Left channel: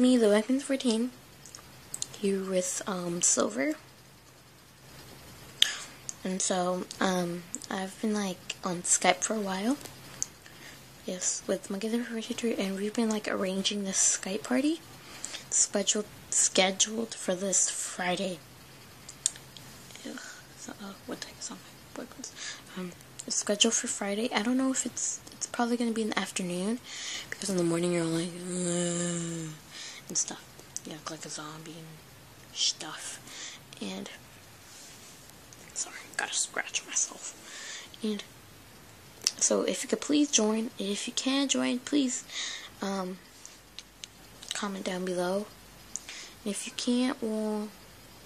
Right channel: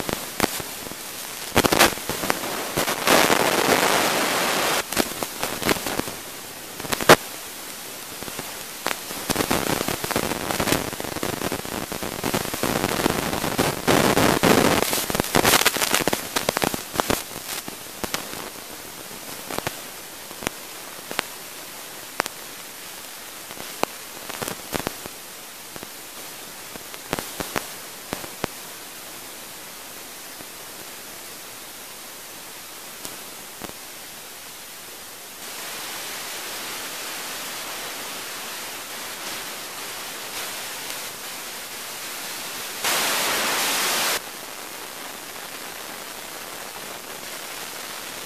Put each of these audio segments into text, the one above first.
me, the Weapon14, who was Silver. And so, I've been like on Skype for a while. This with you, and we've been arranging this scheduled for this Friday. Scheduled for Friday. I don't know if it's probably gonna be in the afternoon, because in the morning you're like and stuff, you know, like a zombie and stuff. And gotta scratch myself. So if you could please join, and if you can join, please comment down below. And if you can't, well,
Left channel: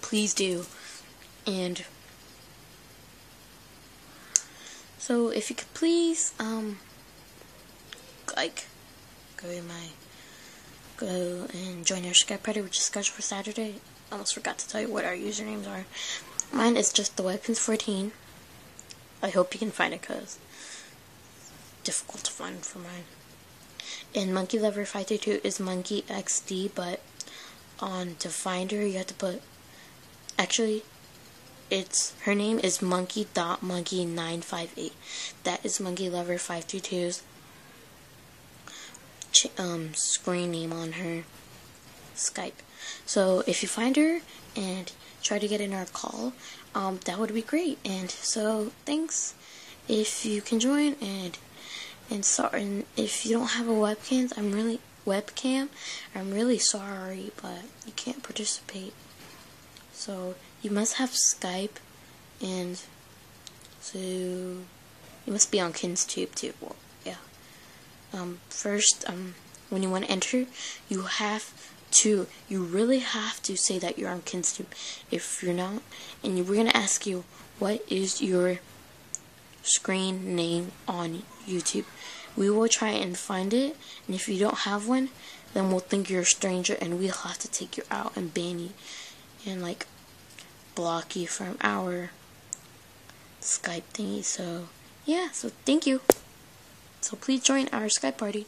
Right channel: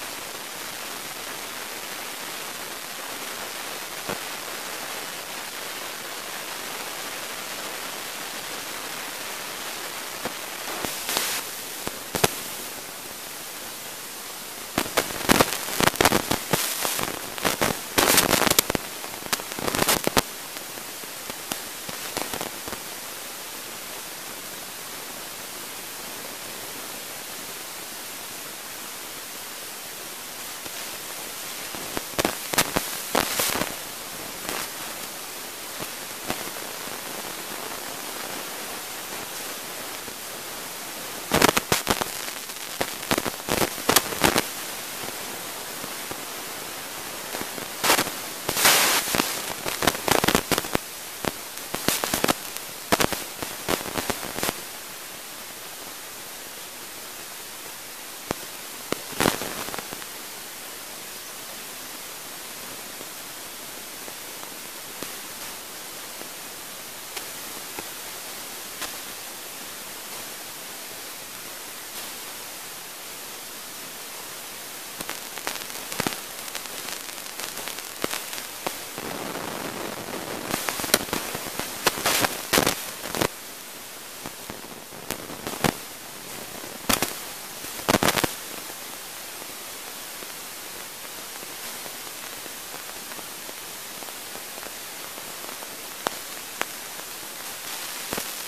please do. And so if you could please like go and join our Skype party, which is scheduled for Saturday. I almost forgot to tell you what our username is. Mine is just the Weapon14. I hope you can find it, because it's difficult to find from there. And Monkey Lover 532 is Monkey XD, but on the finder you have to put, actually her name is monkey.monkey958. That is Monkey Lover 522's screen name on her Skype. So if you find her and try to get in our call, that would be great. And so please, if you can join, and if you don't have a webcam, I'm really sorry, but I can't participate. So you must have Skype, and you must be on KinsTube too. Yeah. First, when you want to enter, you really have to say that you're on KinsTube. If you're not, and we're gonna ask you, what is your screen name on YouTube? We will try and find it, and if you don't have one, then we'll think you're a stranger, and we'll have to take you out and ban and like block you from our Skype thingy. So yeah, so thank you. So please join our Skype party.